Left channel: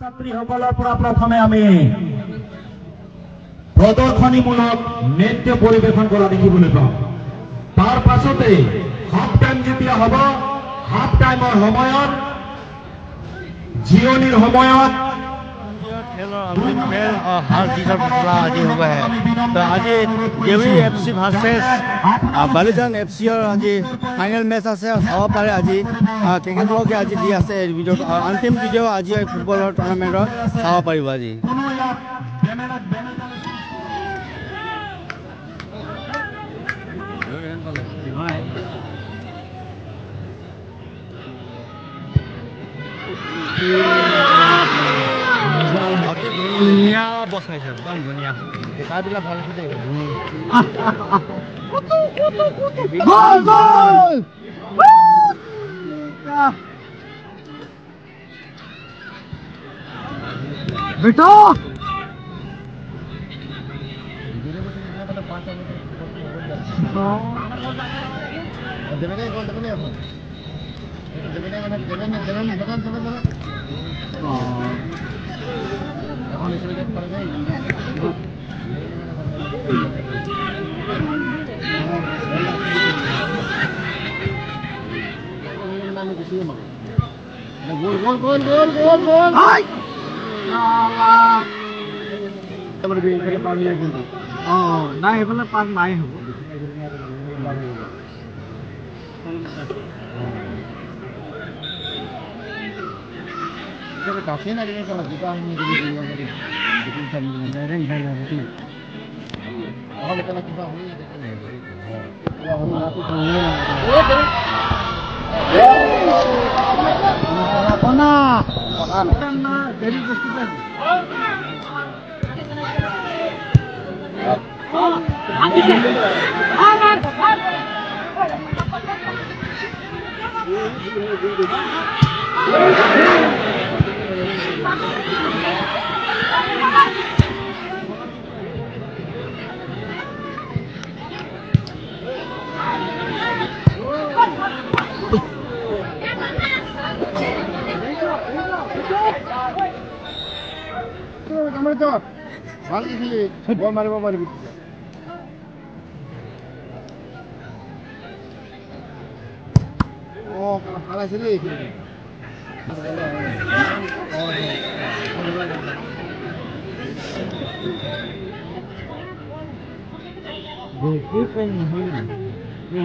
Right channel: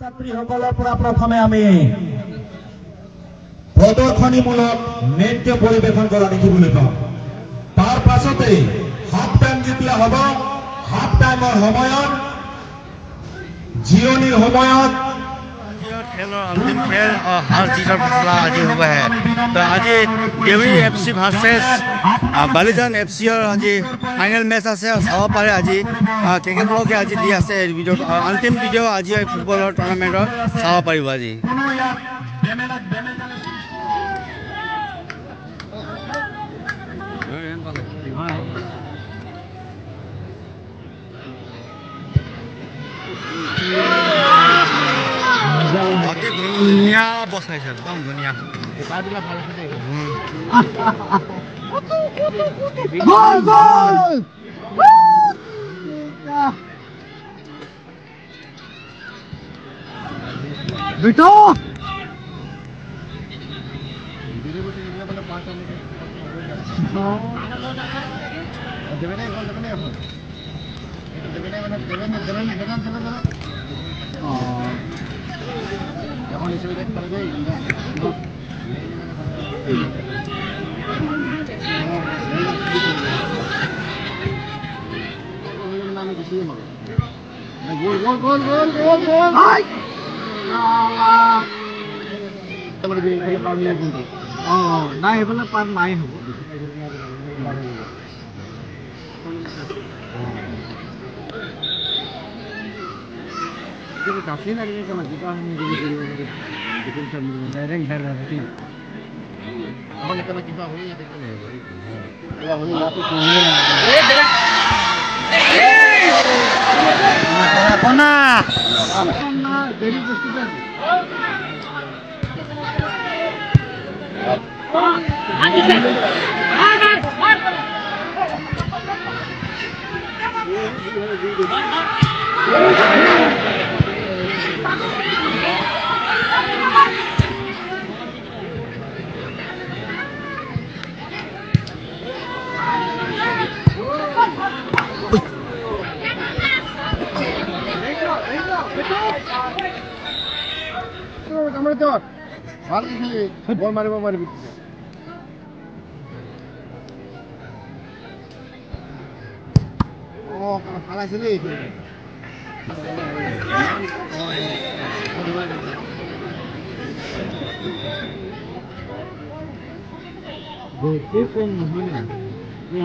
ছাত্ৰীসকলৰ পৰা প্ৰথমে আমি প্ৰদৰ্শনীমূলক নৃত্য পৰিৱেশন কৰা দেখিবলৈ পাওঁ। তাৰ পাছতে হাফ টাইম যেতিয়া হ'ব, হাফ টাইমৰ সময়ত জিৰণিৰ সময়ত खेल और अंतिम खेल और हार जीत का फैसला आज होगा है। तो आज देवरी एफसी वर्सेस बालिजान एफसी और आज फाइनल मैच আছে চাব পাৰে। আজি ক্ৰিকেট ব্লগে আজি দি আছে ভিডিঅ' अंतिम ভিডিঅ' আজি ফুটবলৰ টুৰ্ণামেণ্টৰ চাব পাৰিব আজি। ধুনীয়া বচাইছে, একদম ধুনীয়া। নাই সেইফালে পাত নাই হ'ব।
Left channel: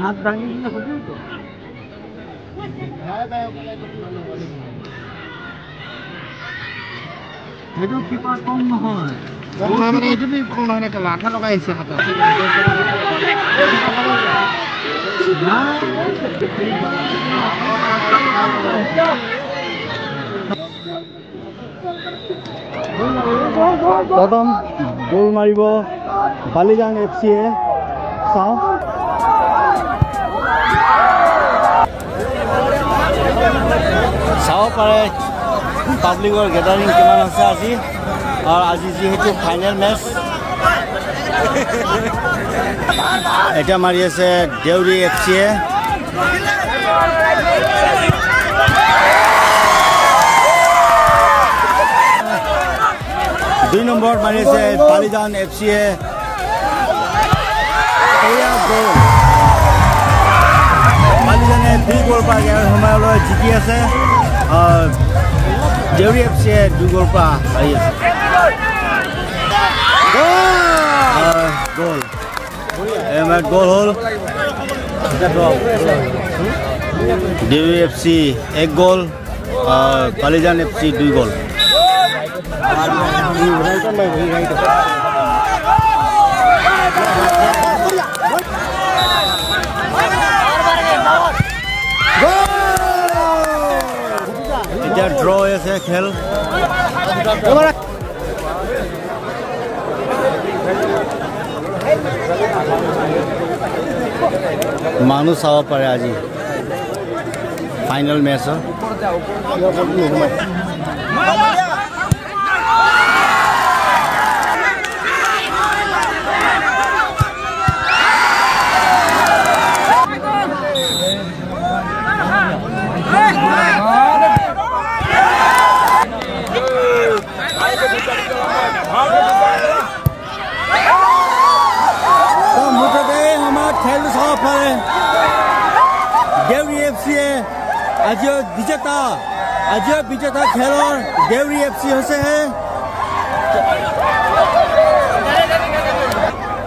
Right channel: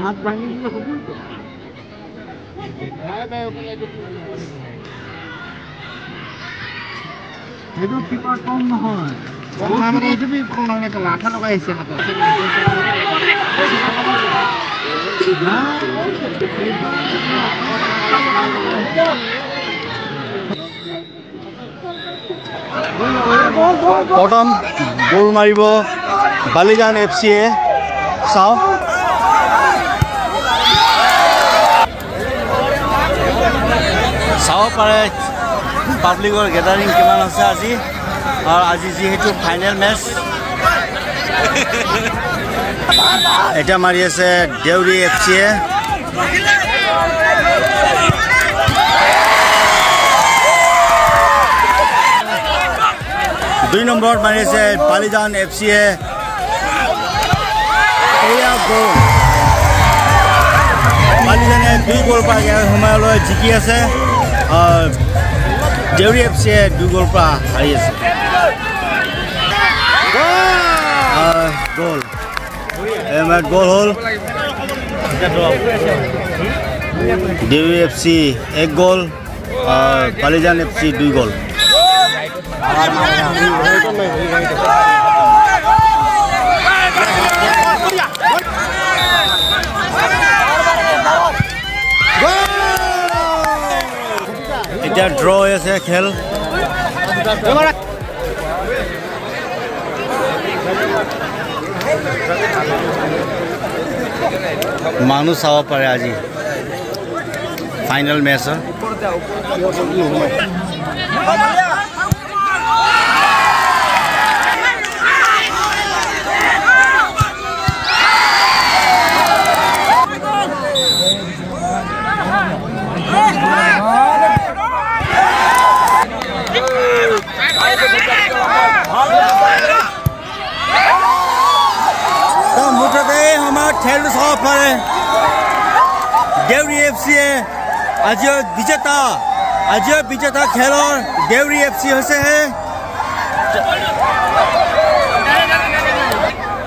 হাত ভাঙি দিলে হ'ব তো। সেইটো কিবা কম নহয়, এইটো কম নহয়, লাঠা লগাই আহিছে হাতত। প্ৰথম গোল মাৰিব বালিজান এফচিয়ে, চাওঁ। চাব পাৰে পাব্লিকৰ গেদাৰিং কিমান আছে আজি। আৰু আজি যিহেতু ফাইনেল মেচ, এটা মাৰি আছে দেউৰী এফচিয়ে। দুই নম্বৰত মাৰি আছে বালিজান এফচিয়ে। এয়া গ'ল, বালিজানে 2 গ'ল পৰা সময়লৈ জিকি আছে। দেউৰী এফচিয়ে 2 গ'ল পৰা হাৰি আছে। গ'ল গ'ল হ'ল দেউৰী এফচি 1 গ'ল, বালিজান এফচি 2 গ'ল। এতিয়া ড্ৰ হৈ আছে খেল। মানুহ চাব পাৰে আজি ফাইনেল মেচৰ। খেলটো চাব পাৰে দেউৰী এফচিয়ে আজিৰ বিজেতা খেলৰ দেউৰী এফচি হৈছে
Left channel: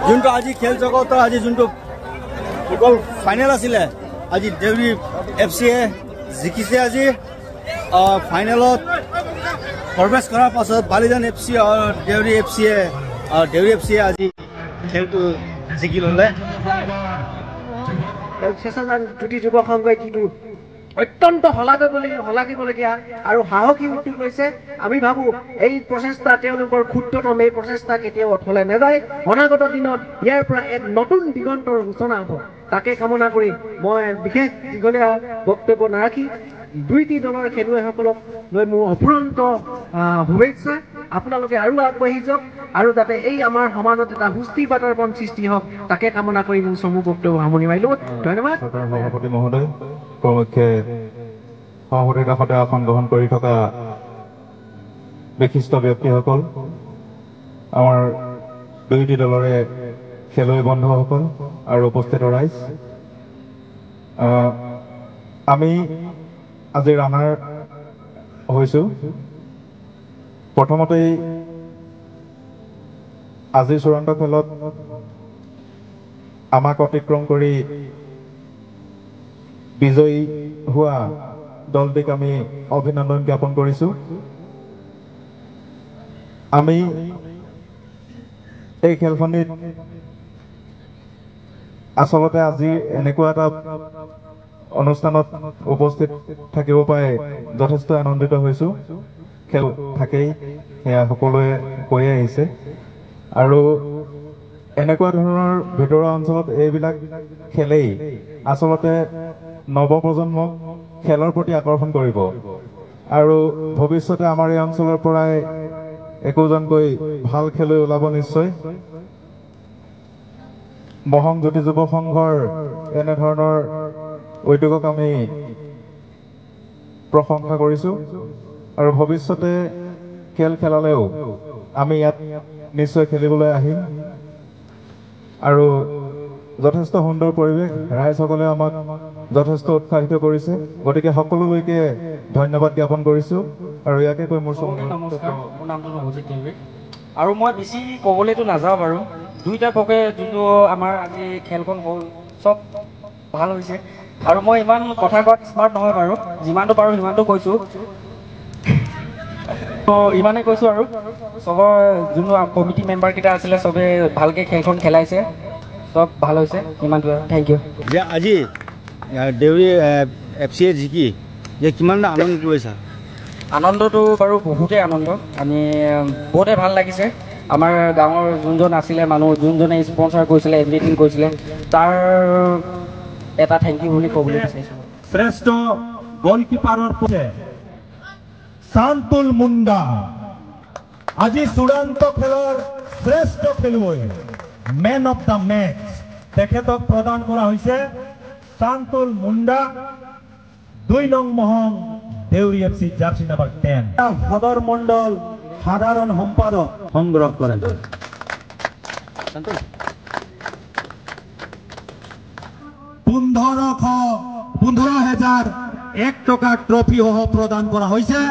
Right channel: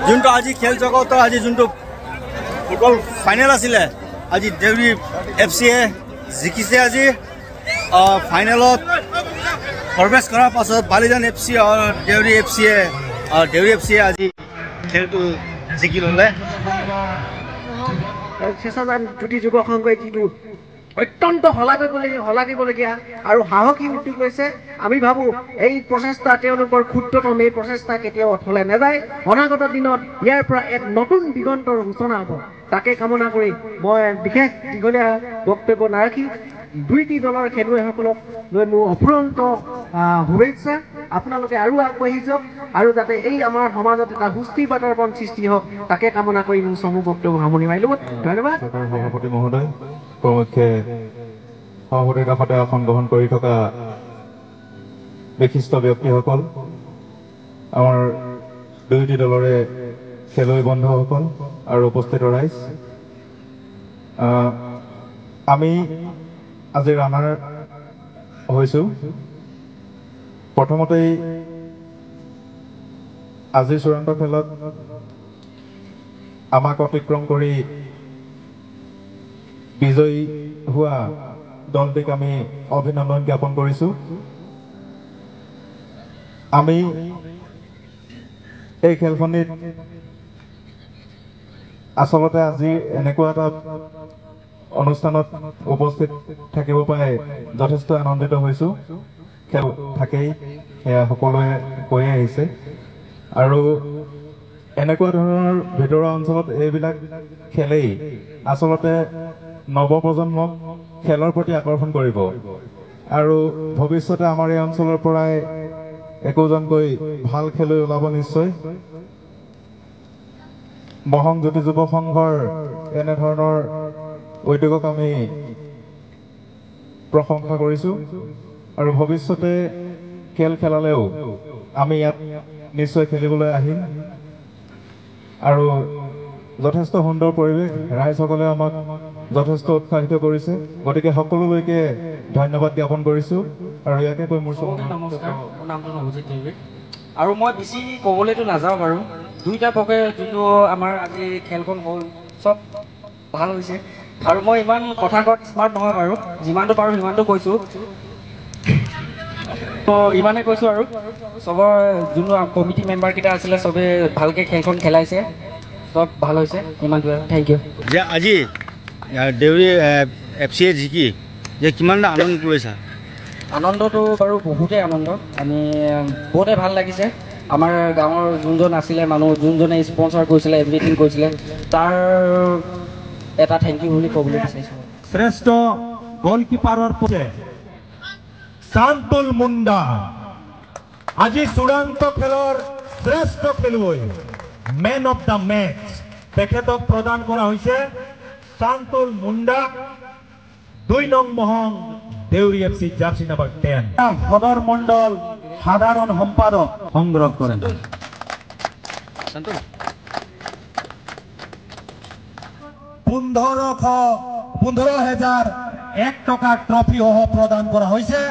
যোনটো আজি খেল জগতৰ আজি যোনটো ফুটবল ফাইনেল আছিলে আজি দেউৰী এফচিয়ে জিকিছে আজি ফাইনেলত প্ৰৱেশ কৰাৰ পাছত বালিজান এফচি আৰু দেউৰী এফচিয়ে আজি খেলটো জিকি ল'লে চেঁচাজান জ্যোতি যুৱ সংঘই যিটো অত্যন্ত শলাগিবলগীয়া আৰু সাহসী উদ্যোগ লৈছে আমি ভাবো এই প্ৰচেষ্টা তেওঁলোকৰ ক্ষুদ্ৰতম এই প্ৰচেষ্টা কেতিয়াও অথলে নাযায় অনাগত দিনত ইয়াৰ পৰা এক নতুন দিগন্তৰ সূচনা হ'ব তাকে কামনা কৰি মই বিশেষ দীঘলীয়া বক্তব্য নাৰাখি দুইটি দলৰ খেলুৱৈসকলক লৈ মোৰ অফুৰন্ত শুভেচ্ছা আপোনালোকে আৰু আগবাঢ়ি যাওক আৰু যাতে এই আমাৰ সমাজত এটা সুস্থিৰ বাতাবৰণ সৃষ্টি হওক তাকে কামনা কৰি মোৰ চমু বক্তব্য সামৰণি মাৰিলোঁ ধন্যবাদ সভাপতি মহোদয় প্ৰমুখ্যে সভাপতিৰ কাষতে আসন গ্ৰহণ কৰি থকা বিশিষ্ট ব্যক্তিসকল আমাৰ দুয়োটি দলৰে খেলুৱৈ বন্ধুসকল আৰু উপস্থিত ৰাইজ আমি আজি ৰানাৰ হৈছোঁ প্ৰথমতেই আজিৰ চূড়ান্ত খেলত আমাক অতিক্ৰম কৰি বিজয়ী হোৱা দলটিক আমি অভিনন্দন জ্ঞাপন কৰিছোঁ আমি এই খেলখনিত আচলতে আজি এনেকুৱা এটা অনুষ্ঠানত উপস্থিত থাকিব পাই যথেষ্ট আনন্দিত হৈছোঁ খেল থাকেই সেয়া সকলোৱে কৈয়ে আহিছে আৰু এনেকুৱা ধৰণৰ ভিতৰুৱা অঞ্চলত এইবিলাক খেলেই আচলতে নৱপ্ৰজন্মক খেলৰ প্ৰতি আকৰ্ষণ কৰিব আৰু ভৱিষ্যতে আমাৰ এই অঞ্চলৰ পৰাই একোজনকৈ ভাল খেলুৱৈ ওলাব নিশ্চয় মহং জ্যোতি যুৱ সংঘৰ এনেধৰণৰ উদ্যোগক আমি প্ৰশংসা কৰিছোঁ আৰু ভৱিষ্যতে খেল খেলালেও আমি ইয়াত নিশ্চয় খেলিবলৈ আহিম আৰু যথেষ্ট সুন্দৰ পৰিৱেশ ৰাইজসকলে আমাক যথেষ্ট উৎসাহিত কৰিছে গতিকে সকলোলৈকে ধন্যবাদ জ্ঞাপন কৰিছোঁ আৰু ইয়াকে কৈ মোৰ আৰু মই বেছি ক'বলৈতো নাযাওঁ বাৰু দুইটা পক্ষে যোনটো আমাৰ আজি খেলখন হ'ল চব ভাল হৈছে আৰু মই ইমান কথা কোৱাত স্মাৰ্ট নহয় বাৰু যিমানটো পাৰোঁ সিমানটো কৈছোঁ ইমানেই কৈছোঁ আৰু চবৰ যোনটো কমিটি মেম্বাৰকেইটা আছিলে চবে ভালকৈ খেলখন খেলাইছে সব ভাল হৈছে ইমানটো থেংক ইউ যে আজি দেউৰী এফচিয়ে জিকি যে কিমান আনন্দ কৰিছা আনন্দটো বাৰু বহুতেই আনন্দ আমি বহুতেই ভাল লাগিছে আমাৰ গাঁৱৰ যোনজন আছিলে মানুহ যোনজনে স্পন্সৰ কৰিছিলে এভৰিথিং কৰিছিলে তাৰ এটা থেংক ইউ বুলি ক'বলৈ বিচাৰিছোঁ শ্ৰেষ্ঠ গলকিপাৰৰ পক্ষে শান্তল মুণ্ডা আজি চূড়ান্ত খেলৰ শ্ৰেষ্ঠ খেলুৱৈ মেন অফ দ্য মেচ তেখেতক প্ৰদান কৰা হৈছে শান্তল মুণ্ডা 2 নং মহং দেউৰী এফচি জাৰ্চি নাম্বাৰ 10 সদৰ মণ্ডল সাধাৰণ সম্পাদক সংগ্ৰহ কৰেন 15,001 টকা ট্ৰফি সহ প্ৰদান কৰা হৈছে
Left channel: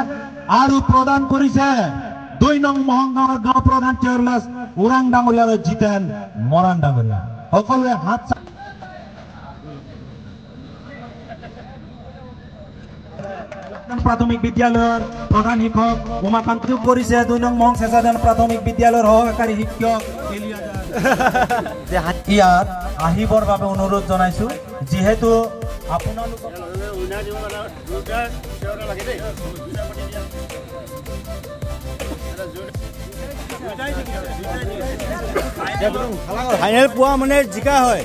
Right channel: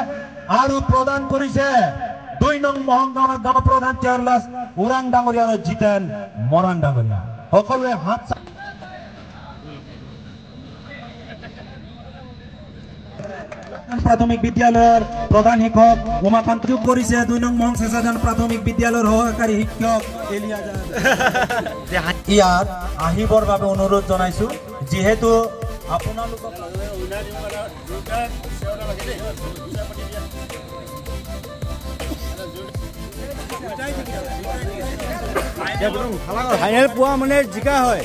আৰু প্ৰদান কৰিছে 2 নং মহং গাঁও প্ৰধান চেয়াৰলেছ ওৰাং ডাঙৰীয়া জিতেন মৰাণ ডাঙৰীয়া সকলোৱে হাত प्राथमिक विद्यालय प्रधान शिक्षक उमाकांत करिছে 2 नং মহং চেঁচাজান प्राथमिक विद्यालय সহকাৰী শিক্ষক ইয়াত আহিবৰ বাবে অনুৰোধ জনাইছো যেহেতু আপোনালোকক ফাইনেল পোৱা মানে জিকা হয়